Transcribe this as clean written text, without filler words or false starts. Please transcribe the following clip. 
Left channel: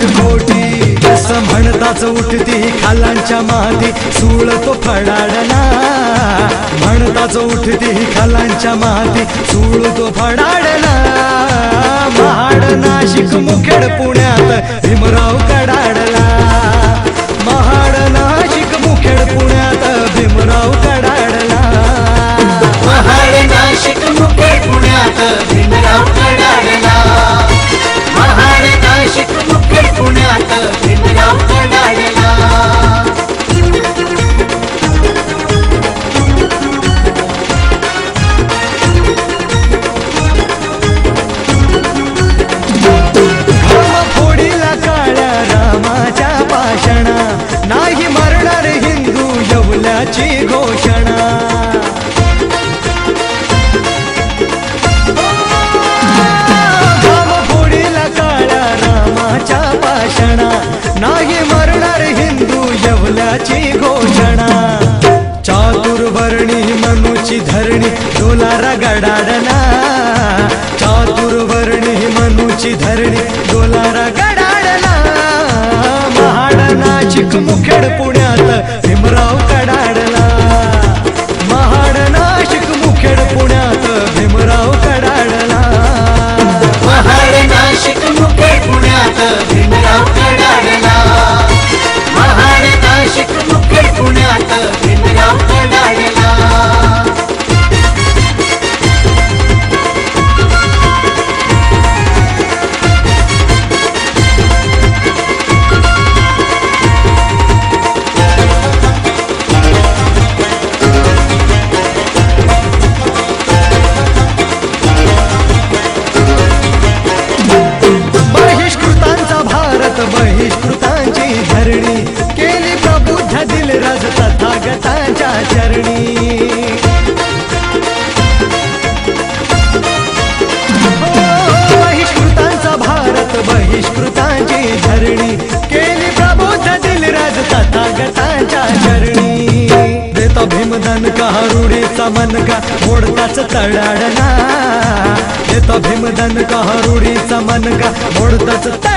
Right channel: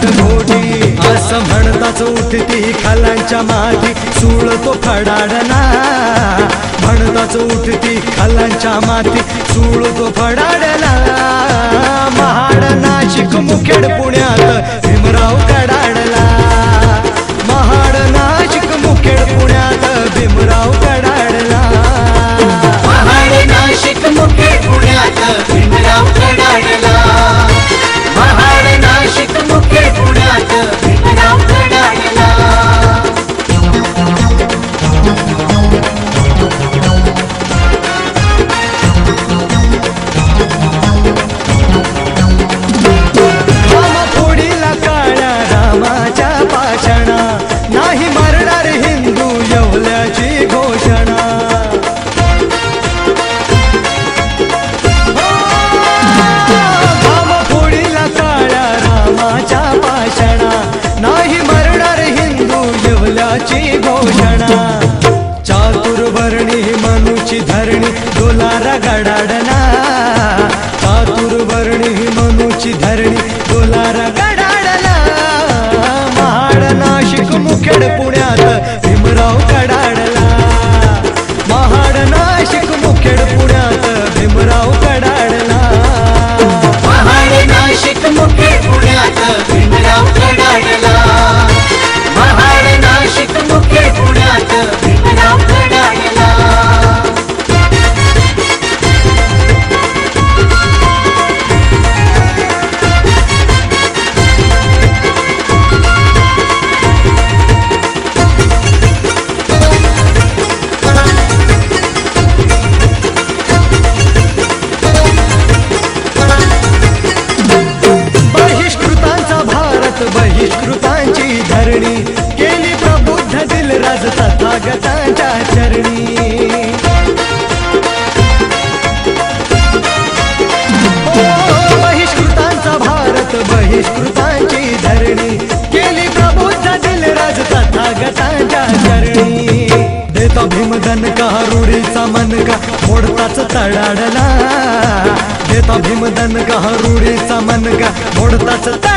घाट घोटी असं म्हणताच उठती खालांच्या माती सूळ तो फडाडला म्हणताच उठती खालांच्या माती सूळ तो फडाडला महाड नाशिक मुखेड पुण्यात भीमराव कडाडला महाड नाशिक मुखेड पुण्यात भीमराव कडाडला महाड नाशिक मुखेड पुण्यात भीमराव कडाडला महाड नाशिक मुखेड पुण्यात भीमराव कडाडला फोडीला काळ्या रामाच्या पाषाणा नाही मरणार हिंदू येवल्याची घोषणा फोडीला काळ्या रामाच्या पाषाणा नाही मरणार हिंदू येवल्याची घोषणा चातुर्वर्णी मनुची धरणी डोलारा गडाडला चातुर्वर्णी मनुची धरणी डोलारा गडाडला महाड नाशिक मुखेड पुण्यात भीमराव कडाडला महाड नाशिक मुखेड पुण्यात भीमराव कडाडला महाड नाशिक मुखेड पुण्यात भीमराव कडाडला महाड नाशिक मुखेड पुण्यात भीमराव कडाडला बहिष्कृतांचा भारत बहिष्कृतांची धरणी केली प्रबुद्ध दिलराज तथागतांच्या चरणी बहिष्कृतांचा भारत बहिष्कृतांची धरणी केली प्रबुद्ध दिलराज तथागतांच्या चरणी देतो भीमदन का रुढीचा मनका मोडताच तडाडला देतो भीमदन का रुढीचा मनका मोडताच